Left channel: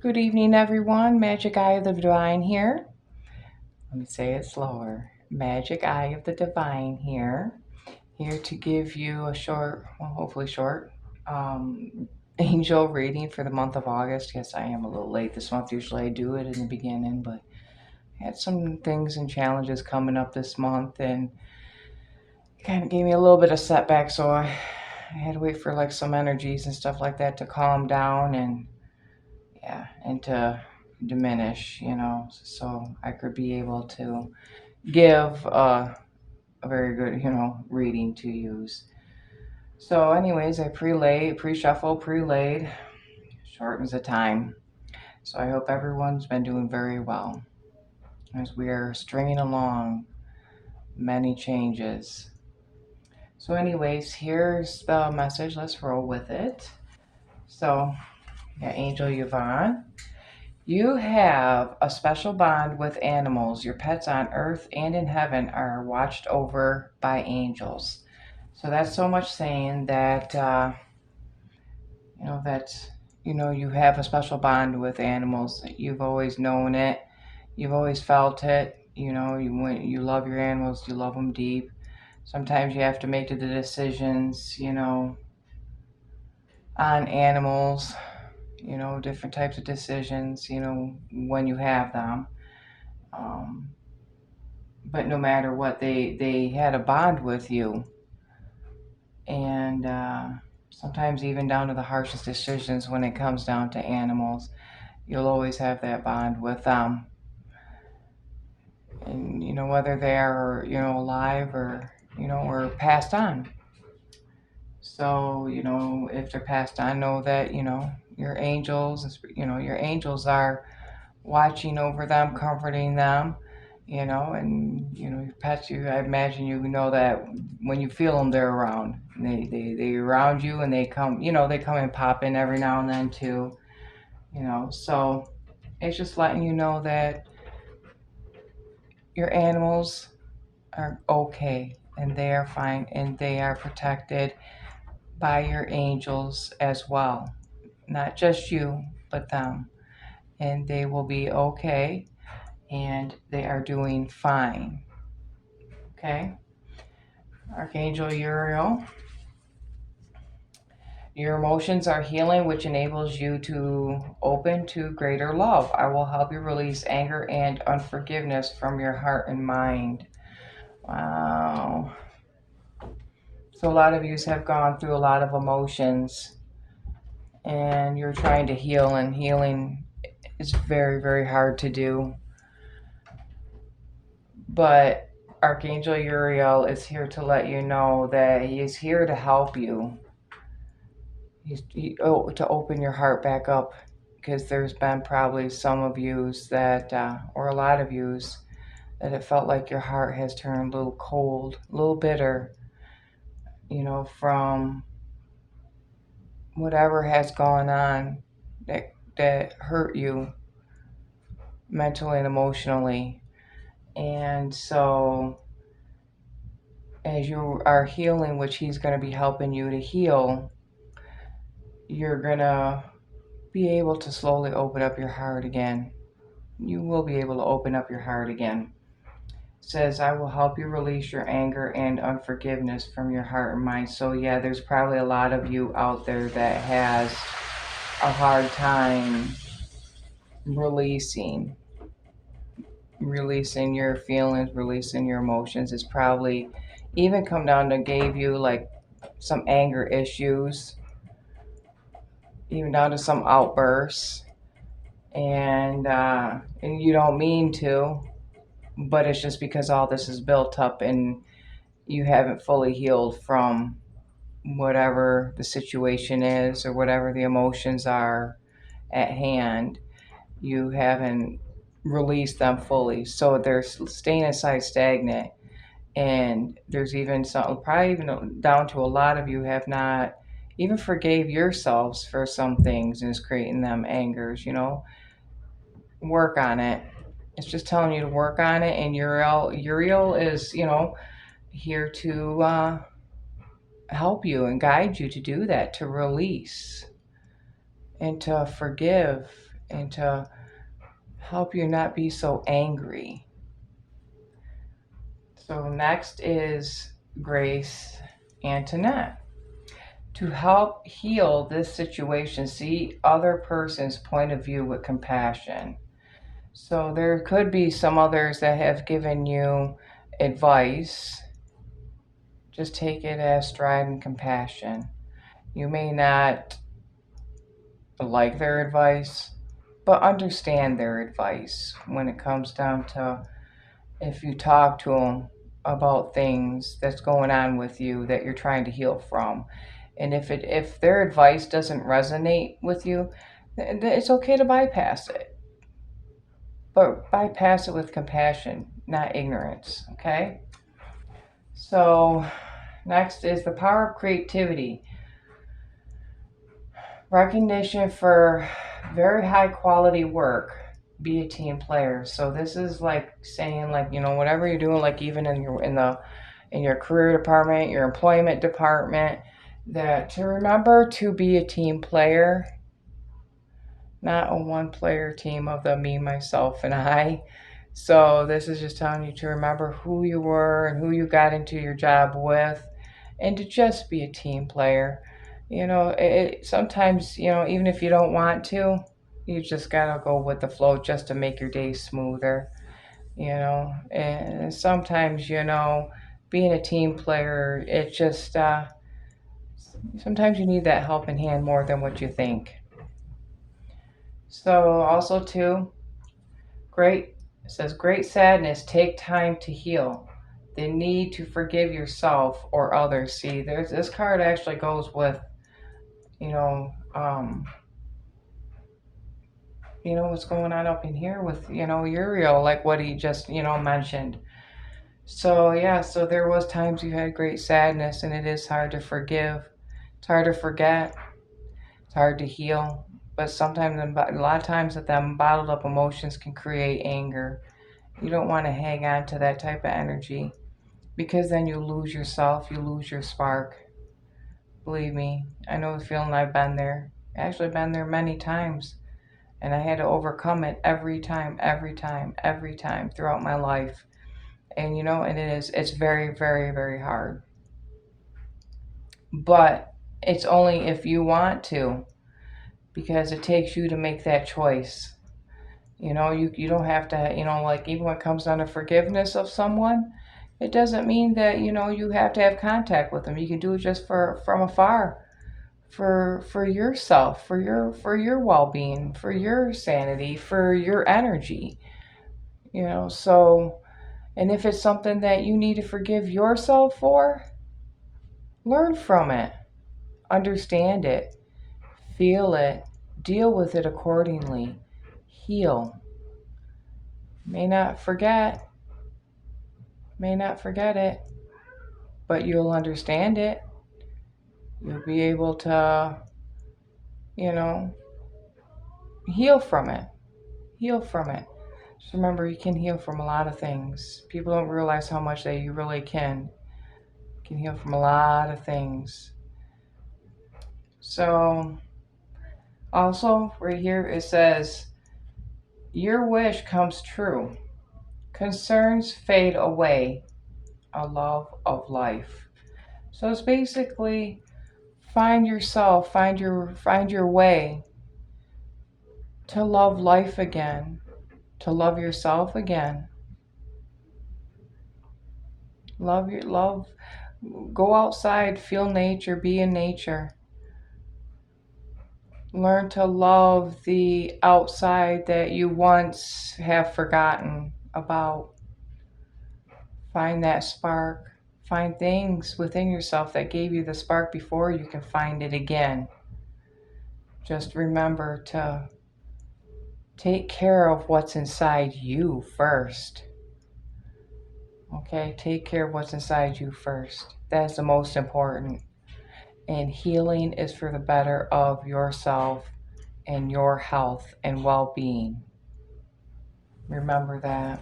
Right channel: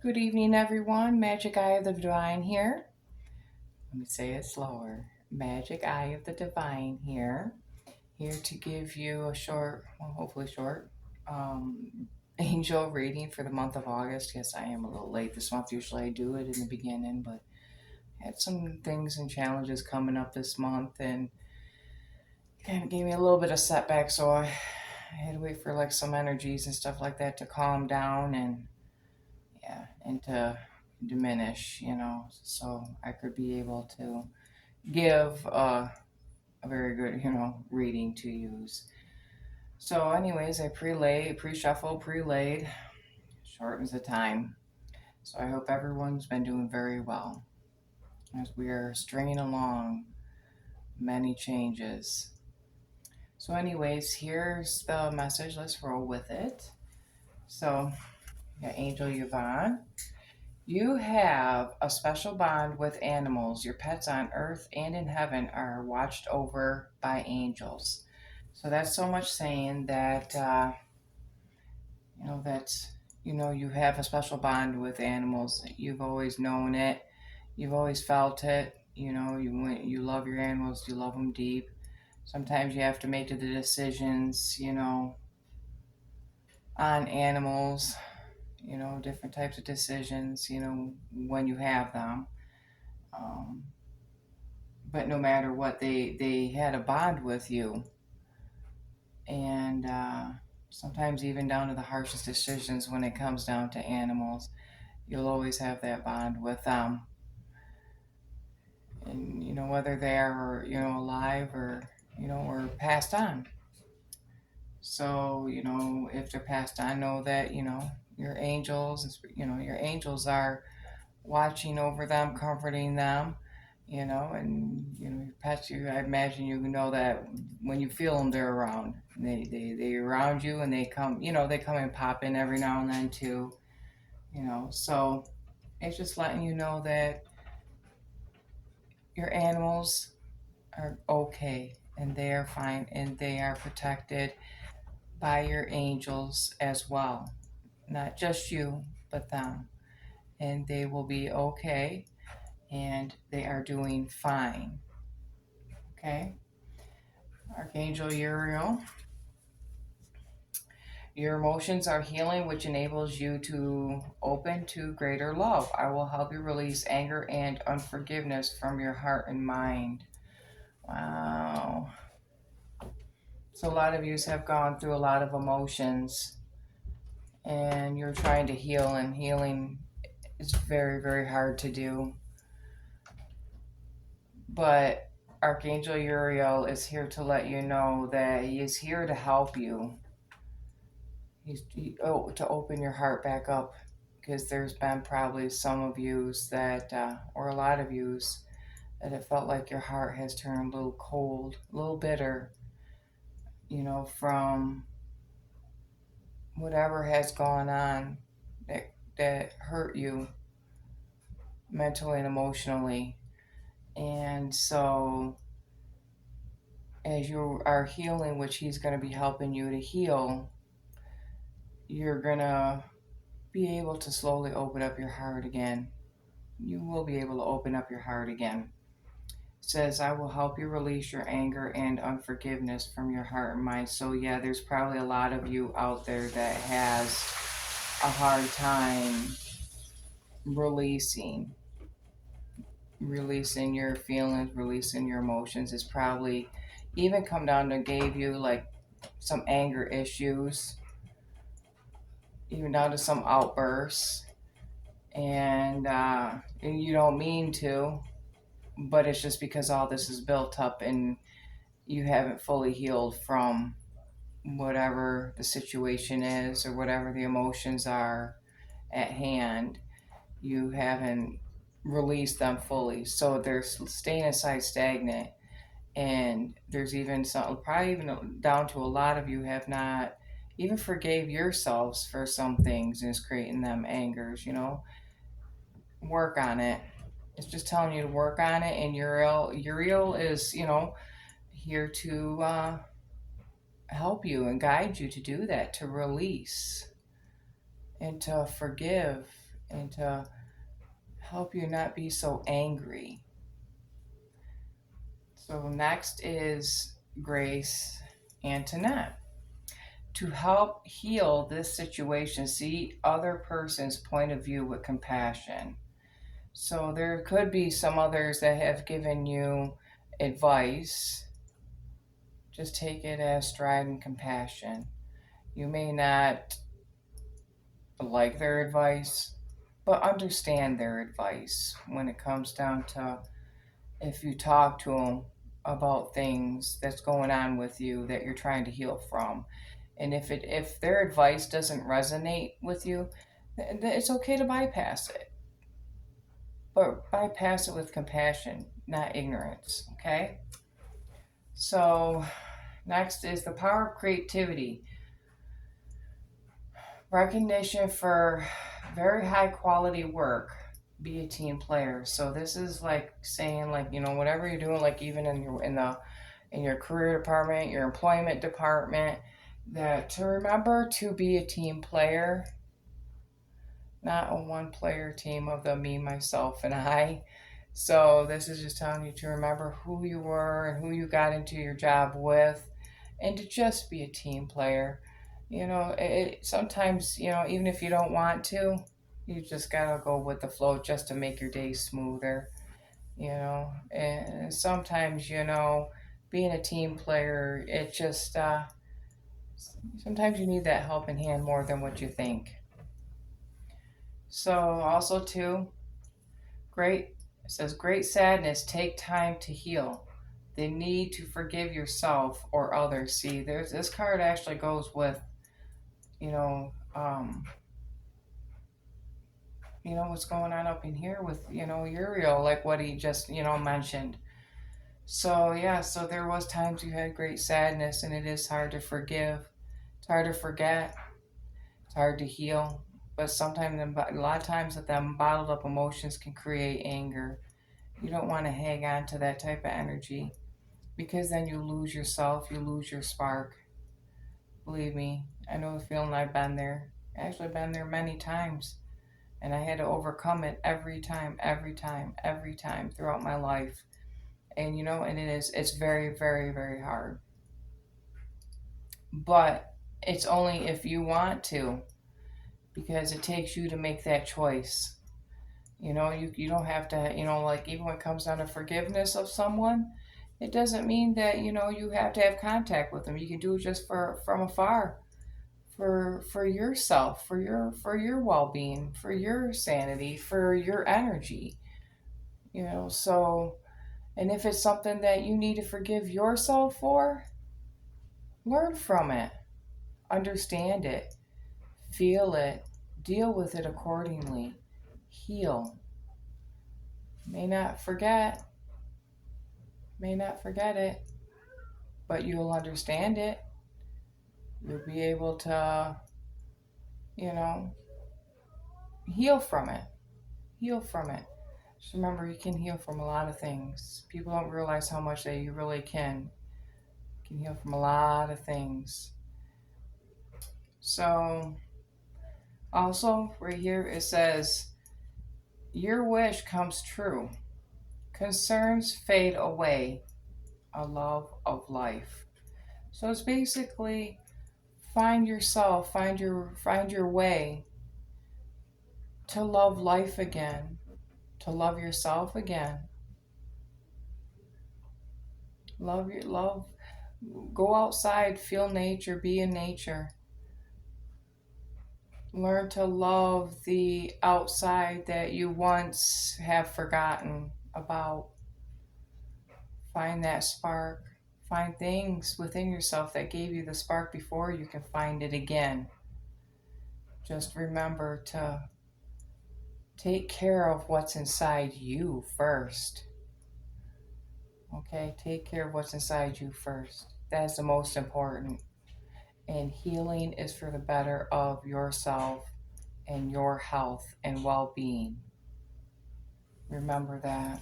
Good evening, everyone. Magic Eye of the Divine here. Let me say it slower. Magic Eye of the Divine here. Here to give you a short, well, hopefully short, angel reading for the month of August. Yes, I am a little late this month. Usually I do it in the beginning, but I had some things and challenges coming up this month and kind of gave me a little bit of setback. So I had to wait for like some energies and stuff like that to calm down and yeah, and to diminish, so I could be able to give a very good, reading to use. So, anyways, I pre-shuffle, pre-laid, shortens the time. So I hope everyone's been doing very well as we are stringing along many changes. So, anyways, here's the message. Let's roll with it. So, yeah, Angel Yvonne. You have a special bond with animals. Your pets on earth and in heaven are watched over by angels. So that's so much saying that, that's, you have a special bond with animals. You've always known it. You've always felt it. You love your animals. You love them deep. Sometimes you have to make the decisions, on animals, different types of decisions, when you have them. Um, but no matter what, they had a bond with you, and sometimes even down to the harshest decisions when it comes down to animals, you'll always have that bond with them. And whether they are alive or or passed on. So if they're passed on, know that your angels, your angels are watching over them, comforting them, and your pets. I imagine know that when you feel them, they're around. They around you, and they come. They come and pop in every now and then too. So it's just letting you know that your animals are okay and they are fine and they are protected by your angels as well. Not just you, but them. And they will be okay and they are doing fine. Okay? Archangel Uriel. Your emotions are healing, which enables you to open to greater love. I will help you release anger and unforgiveness from your heart and mind. Wow. So, a lot of you have gone through a lot of emotions and you're trying to heal, and healing is very, very hard to do. But Archangel Uriel is here to let you know that he is here to help you. To open your heart back up, because there's been probably some of yous that, or a lot of yous, that it felt like your heart has turned a little cold, a little bitter, from whatever has gone on that hurt you mentally and emotionally. And so, as you are healing, which he's going to be helping you to heal, you're going to be able to slowly open up your heart again. You will be able to open up your heart again. It says, I will help you release your anger and unforgiveness from your heart and mind. So, yeah, there's probably a lot of you out there that has a hard time releasing releasing your feelings, releasing your emotions. It's probably even come down to gave you like some anger issues, even down to some outbursts, and you don't mean to, but it's just because all this is built up and you haven't fully healed from whatever the situation is or whatever the emotions are at hand. You haven't released them fully, so they're staying inside stagnant. And there's even some, probably even down to a lot of you have not even forgave yourselves for some things and is creating them angers. Work on it. It's just telling you to work on it. And Uriel is here to help you and guide you to do that, to release and to forgive and to help you not be so angry. So next is Grace Antoinette. To help heal this situation, see other person's point of view with compassion. So there could be some others that have given you advice. Just take it as stride and compassion. You may not like their advice, but understand their advice when it comes down to if you talk to them about things that's going on with you that you're trying to heal from. And if their advice doesn't resonate with you, it's okay to bypass it. But bypass it with compassion, not ignorance, okay? So, next is the power of creativity. Recognition for very high quality work. Be a team player. So this is like saying, like, whatever you're doing, like even in your career department, your employment department, that to remember to be a team player, not a one player team of the me, myself, and I. So this is just telling you to remember who you were and who you got into your job with, and to just be a team player. Sometimes, even if you don't want to, you just gotta go with the flow just to make your day smoother. And sometimes, being a team player, it just sometimes you need that helping hand more than what you think. So also too, great it says great sadness take time to heal. The need to forgive yourself or others. See, there's this card actually goes with, you know, um, what's going on up in here with, Uriel, like what he just, mentioned. So yeah, so there was times you had great sadness, and it is hard to forgive. It's hard to forget. It's hard to heal. But sometimes, a lot of times, that them bottled up emotions can create anger. You don't want to hang on to that type of energy, because then you lose yourself, you lose your spark. Believe me, I know the feeling. I've been there. Actually, been there many times, and I had to overcome it every time, every time, every time throughout my life. And it's very, very, very hard. But it's only if you want to, because it takes you to make that choice. You don't have to, like even when it comes down to forgiveness of someone, it doesn't mean that, you have to have contact with them. You can do it just from afar, for yourself, for your well-being, for your sanity, for your energy. So, and if it's something that you need to forgive yourself for, learn from it, understand it, feel it, deal with it accordingly, heal. May not forget, may not forget it, but you'll understand it. You'll be able to, you know, heal from it. Heal from it. Just remember, you can heal from a lot of things. People don't realize how much that you really can. You can heal from a lot of things. So, also, right here it says, your wish comes true. Concerns fade away. A love of life. So it's basically find yourself, find your way to love life again, to love yourself again. Love, go outside, feel nature, be in nature. Learn to love the outside that you once have forgotten about. Find that spark. Find things within yourself that gave you the spark before. You can find it again. Just remember to take care of what's inside you first. Okay, take care of what's inside you first. That's the most important. And healing is for the better of yourself and your health and well being. Remember that.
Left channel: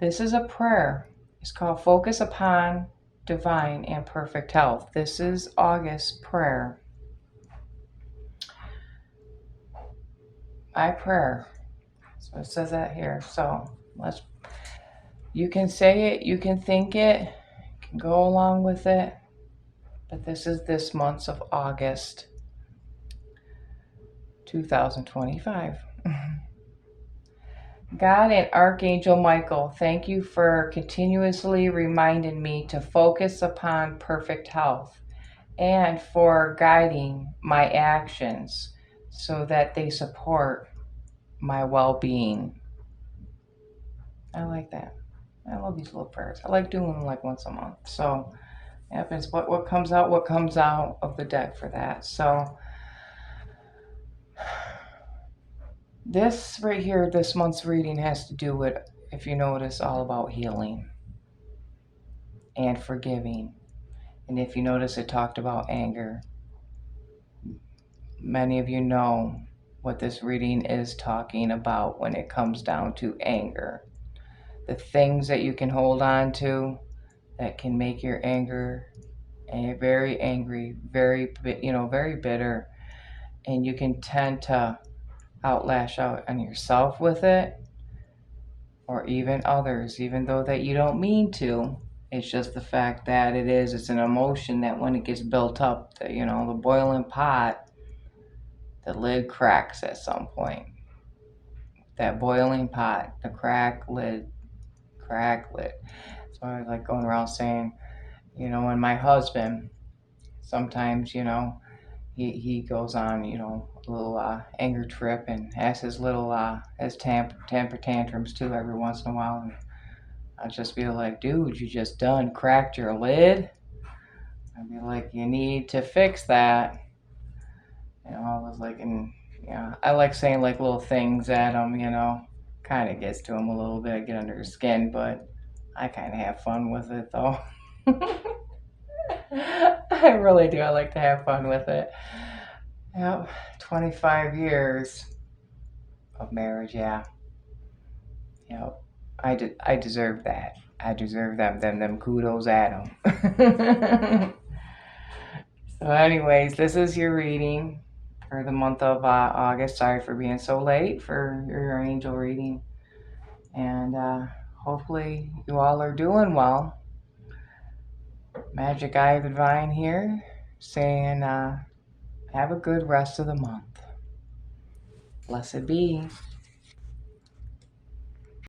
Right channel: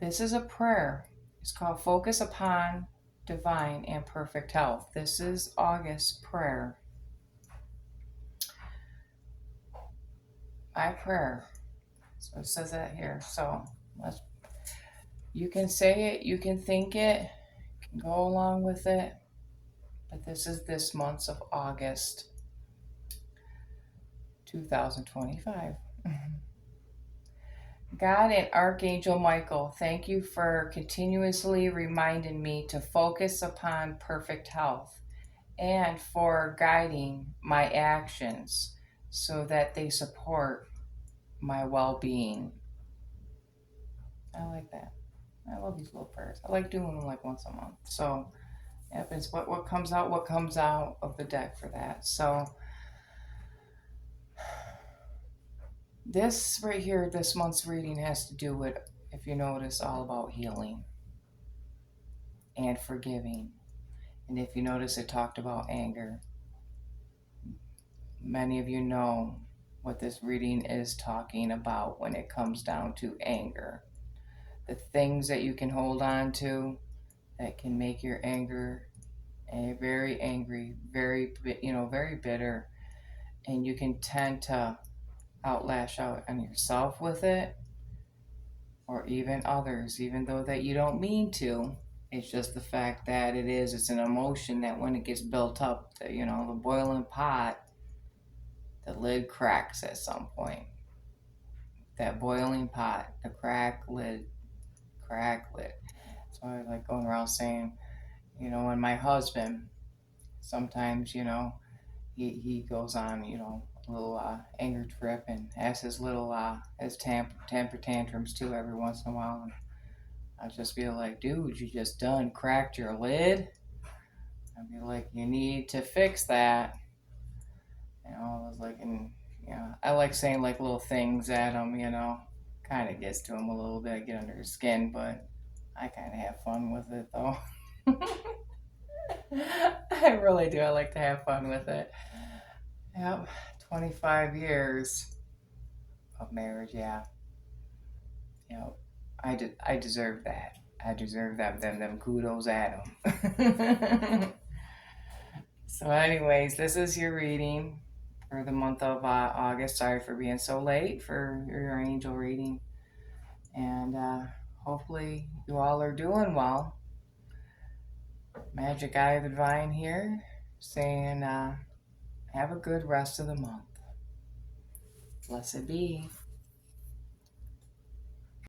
This is a prayer. It's called Focus Upon Divine and Perfect Health. This is August's prayer. my prayer. So it says that here. So let's, you can say it, you can think it, you can go along with it. But this is this month of August 2025. God and Archangel Michael, thank you for continuously reminding me to focus upon perfect health and for guiding my actions so that they support my well being. I like that. I love these little prayers. I like doing them like once a month. So happens what comes out of the deck for that. So this right here, this month's reading has to do with, if you notice, all about healing and forgiving. And if you notice, it talked about anger. Many of you know what this reading is talking about when it comes down to anger. The things that you can hold on to that can make your anger very angry, very, very bitter. And you can tend to outlash out on yourself with it, or even others, even though that you don't mean to. It's just the fact that it's an emotion that when it gets built up, the boiling pot, the lid cracks at some point. That boiling pot, the crack lid. So I like going around saying, and my husband, sometimes, he goes on, a little anger trip and has his little his temper tantrums too every once in a while. And I'd just be like, dude, you just done cracked your lid. I'd be like, you need to fix that. I was like, and I like saying like little things at him, kind of gets to him a little bit. I get under his skin, but I kind of have fun with it though. I really do. I like to have fun with it. Yep, 25 years of marriage, yeah. Yep, I deserve that. I deserve them kudos at them. So, anyways, this is your reading for the month of August. Sorry for being so late for your angel reading. And hopefully you all are doing well. Magic Eye of the Divine here, saying have a good rest of the month. Blessed be.